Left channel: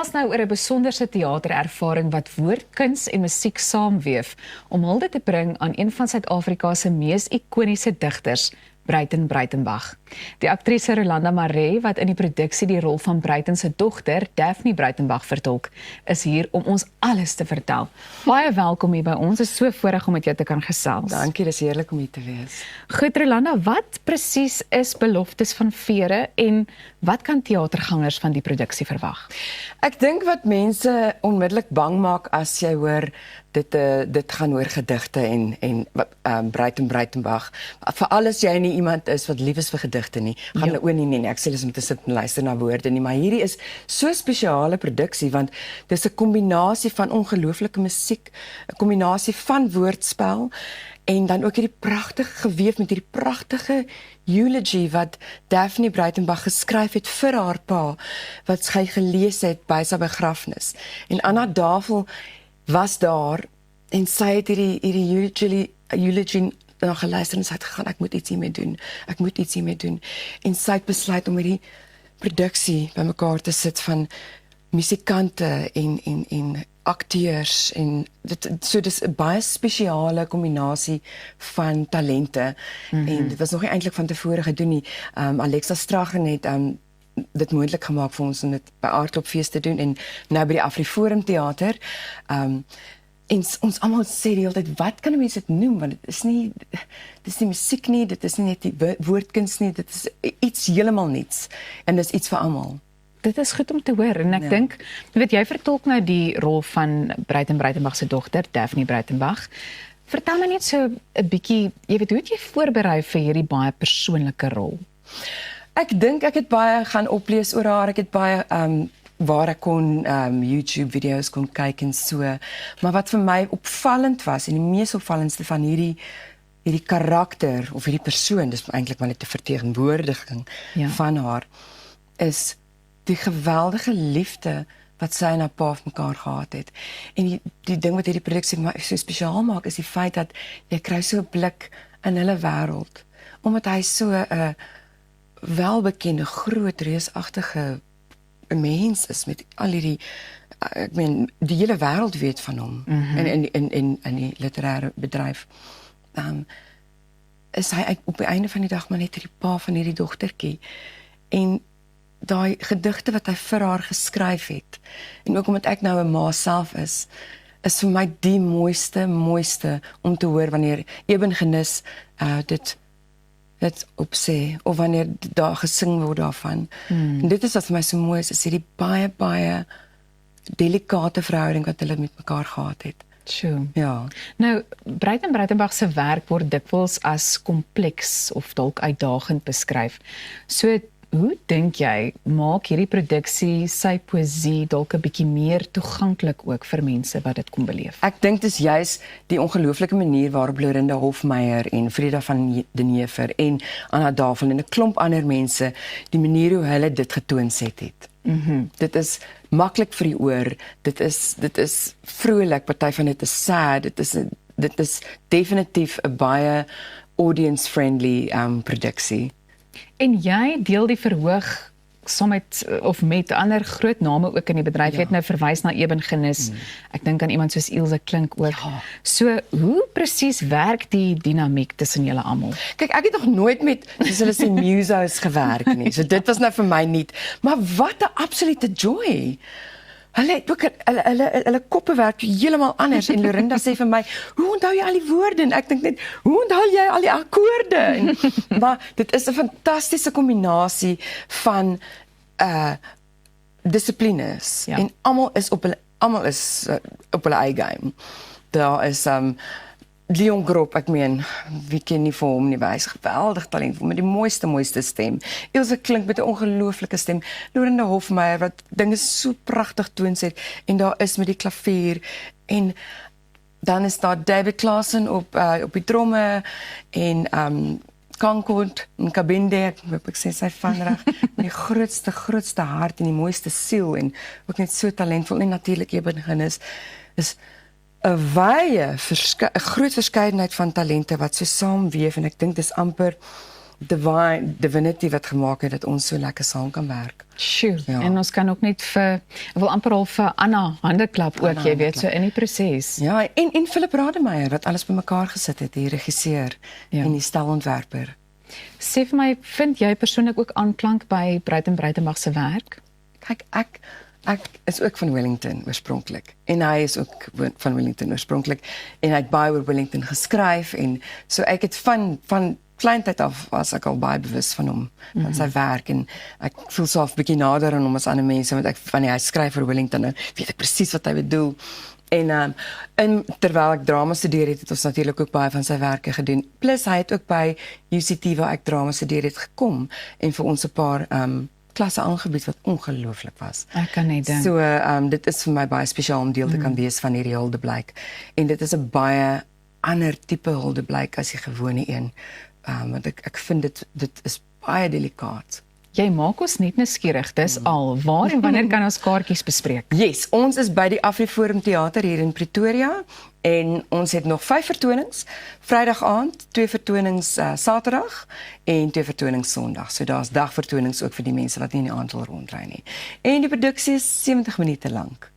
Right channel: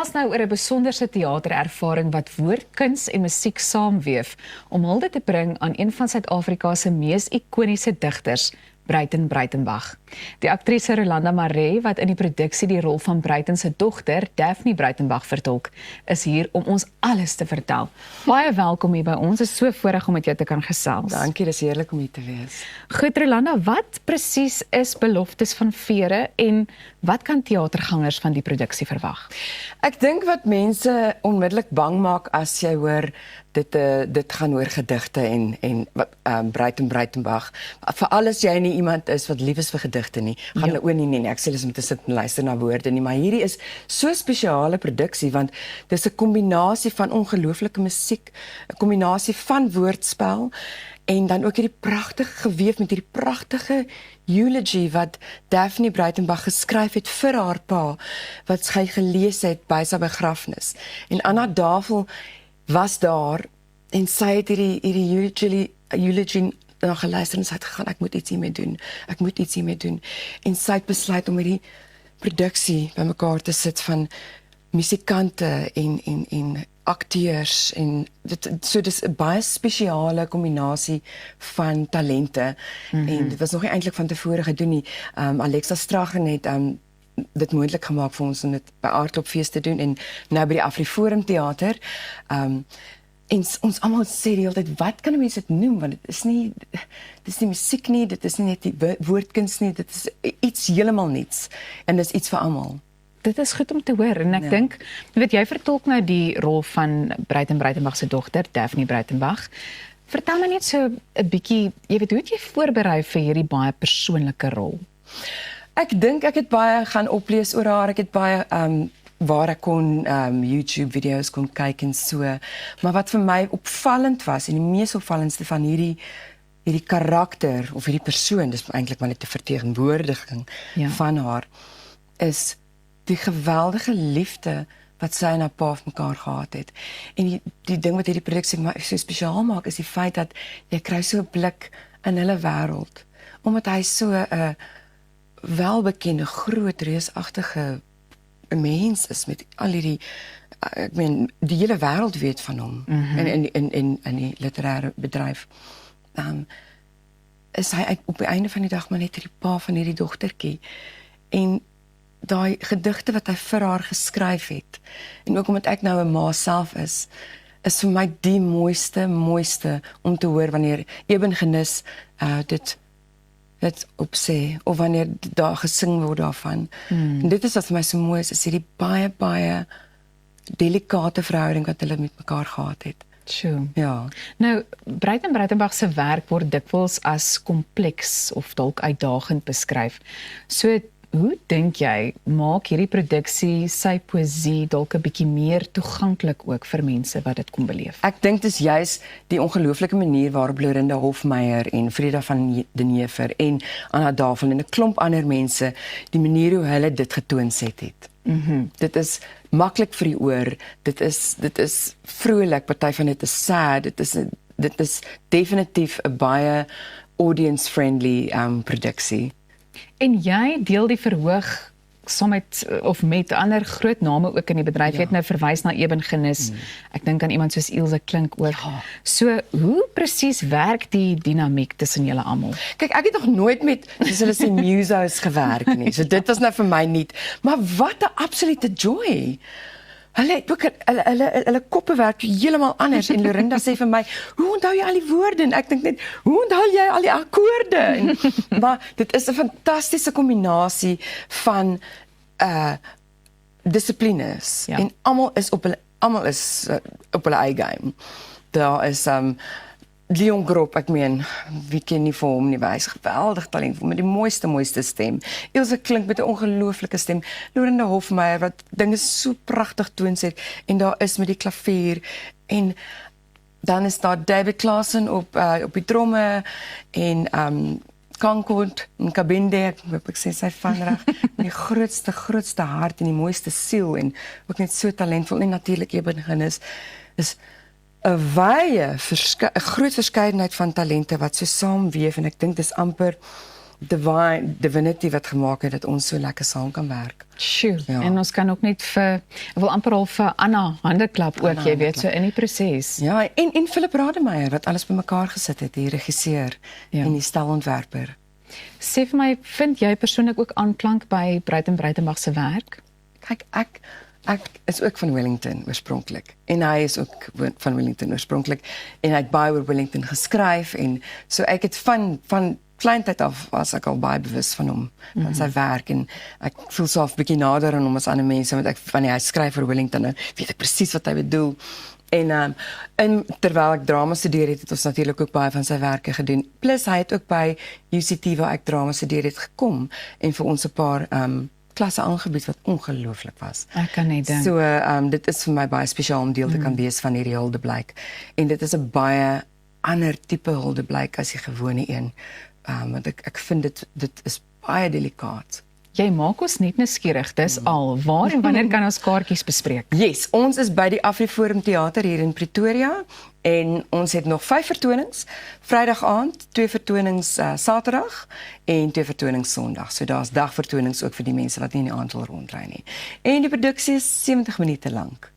gesels nou oor 'n besonderse teaterervaring wat woordkuns en musiek saamweef om hulde te bring aan een van Suid-Afrika se mees ikoniese digters, Bruiten Bruitenbach. Die aktrise Rolanda Maree, wat in die produksie die rol van Bruiten se dogter, Daphne Bruitenbach, vertolk, is hier om ons alles te vertel. Baie welkom hier by ons, is so voorreg om met jou te kan gesels. Dankie, dis heerlik om hier te wees. Goed, Rolanda, wat presies is Beloftes van Vere en wat kan teatergangers van die produksie verwag? Ek dink wat mense onmiddellik bang maak as jy hoor dit gaan oor gedigte en Bruiten Bruitenbach. Veral as jy nie iemand is wat lief is vir gedigte nie, gaan hulle ook nie, ek sê dis om te sit en luister na woorde nie, maar hierdie is so spesiale produksie want dis 'n kombinasie van ongelooflike musiek, 'n kombinasie van woordspel en dan ook hierdie pragtig geweef met hierdie pragtige eulogy wat Daphne Bruitenbach geskryf het vir haar pa, wat sy gelees het by sy begrafnis. En Anna Davel was daar en sy het hierdie eulogy geluister en sy het gegaan, ek moet iets hiermee doen. En sy het besluit om hierdie produksie bymekaar te sit van musikante en akteurs en dis 'n baie spesiale kombinasie van talente en dit was nog nie eintlik van tevore gedoen nie. Alexa Straggen het dit moontlik gemaak vir ons om dit by Aardklopfees te doen en nou by die Afriforum Theater. En ons almal sê die hele tyd, wat kan mense dit noem? Want dit is nie musiek nie, dit is nie net die woordkuns nie, dit is iets heeltemal niets en dis iets vir almal. Dit is goed om te hoor en ek dink, jy vertolk nou die rol van Bruiten Bruitenbach se dogter, Daphne Bruitenbach. Vertel my net so 'n bietjie, hoe het jy voorberei vir hierdie baie persoonlike rol? Ek dink ek het baie gaan oplees oor haar, ek het baie waar ek kon YouTube video's kon kyk en so, maar wat vir my opvallend was en die mees opvallendste van hierdie karakter of hierdie persoon, dis eintlik maar net 'n verteenwoordiging van haar, is die geweldige liefde wat sy en haar pa vir mekaar gehad het. En die ding wat hierdie produksie so spesiaal maak, is die feit dat jy kry so 'n blik in hulle wêreld, omdat hy so 'n welbekende, groot, reusagtige mens is met al hierdie, ek meen, die hele wêreld weet van hom in die literêre bedryf. Is hy op die einde van die dag maar net die pa van hierdie dogtertjie. En daai gedigte wat hy vir haar geskryf het, en ook omdat ek nou 'n ma self is vir my die mooiste om te hoor wanneer Eben Genis dit opsê, of wanneer daar gesing word daarvan. En dit is wat vir my so mooi is hierdie baie delikate verhouding wat hulle met mekaar gehad het. Sure. Ja. Nou, Bruiten Bruitenbach se werk word dikwels as kompleks of dalk uitdagend beskryf. So, hoe dink jy, maak hierdie produksie sy poësie dalk 'n bietjie meer toeganklik ook vir mense wat dit kom beleef? Ek dink dis juis die ongelooflike manier waarop Lorinda Hofmeyer en Frida van den Heever en Anna Davel en 'n klomp ander mense, die manier hoe hulle dit getoonset het. Dit is maklik vir die oor, dit is vrolik, party van dit is sad, dit is definitief 'n baie audience-friendly produksie. En jy deel die verhoog saam met ander groot name ook in die bedryf. Jy het nou verwys na Eben Genis. Ek dink aan iemand soos Ilse Klink ook. So, hoe presies werk die dinamiek tussen julle almal? Kyk, ek het nog nooit met, soos hulle sê, musos gewerk nie. So dit was nou vir my nie. Maar wat 'n absolute joy. Hulle het ook hulle koppe werk heeltemal anders en Lorinda sê vir my, hoe onthou jy al die woorde? En ek dink net, hoe onthou jy al die akkoorde? Maar dit is 'n fantastiese kombinasie van dissiplines en almal is op hulle eie game. Daar is Leon Groep, ek meen, wie ken nie vir hom nie, hy is geweldig talentvol met die mooiste stem. Ilse Klink met 'n ongelooflike stem. Lorinda Hofmeyer wat dinge so pragtig toonset en daar is met die klavier en dan is daar David Klaasen op die tromme en Concord en Kabinde, ek sê sy vanreg, met die grootste hart en die mooiste siel en ook net so talentvol en natuurlik Eben Genis is 'n groot verskeidenheid van talente wat so saamweef en ek dink dis amper divinity wat gemaak het dat ons so lekker saam kan werk. Sjoe, Ja. en ons kan ook net ek wil amper al vir Anna handeklap ook, jy weet, so in die proses. Ja, en Philip Rademeier wat alles bymekaar gesit het, die regisseur Ja. en die stelontwerper. Sê vir my, vind jy persoonlik ook aanklank by Breitenbach se werk? Kyk, ek is ook van Wellington oorspronklik en hy is ook van Wellington oorspronklik en hy het baie oor Wellington geskryf en so ek het van kleintyd af was ek al baie bewus van hom, van sy werk en ek voel so 'n bietjie nader aan hom as ander mense want ek van hy skryf vir Wellington nou weet ek presies wat hy bedoel. En terwyl ek drama studeer het ons natuurlik ook baie van sy werke gedoen. Plus hy het ook by UCT waar ek drama studeer het gekom en vir ons 'n paar klasse aangebied wat ongelooflik was. Ek kan net dink. So dit is vir my baie spesiaal om deel te kan wees van hierdie huldeblyk. En dit is 'n baie ander tipe huldeblyk as die gewone een. Want ek vind dit is baie delikaat. Jy maak ons net nuuskierig, dis al. Waar en wanneer kan ons kaartjies bespreek? Yes, ons is by die AfriForum Theater hier in Pretoria en ons het nog 5 vertonings. Vrydag aand, 2 vertonings Saterdag en 2 vertonings Sondag. So daar's dagvertonings ook vir die mense wat nie in die aand wil rondry nie. En die produksie is 70 minute lank.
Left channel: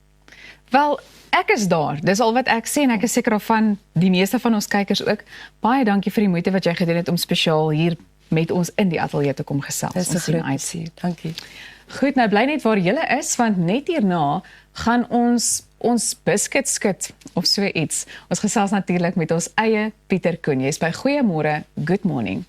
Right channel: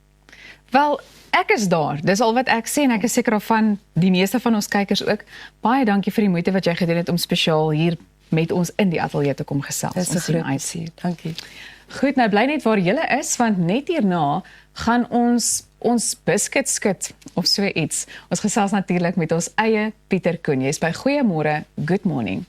Wel, ek is daar. Dis al wat ek sê en ek is seker van die meeste van ons kykers ook. Baie dankie vir die moeite wat jy gedoen het om spesiaal hier met ons in die ateljee te kom gesels. Dis 'n Ons sien groot uit. plesier. Dankie. Goed, nou bly net waar julle is want net hierna gaan ons biscuit skit of so iets. Ons gesels natuurlik met ons eie Pieter Koen. Jy's by Goeiemôre, good morning.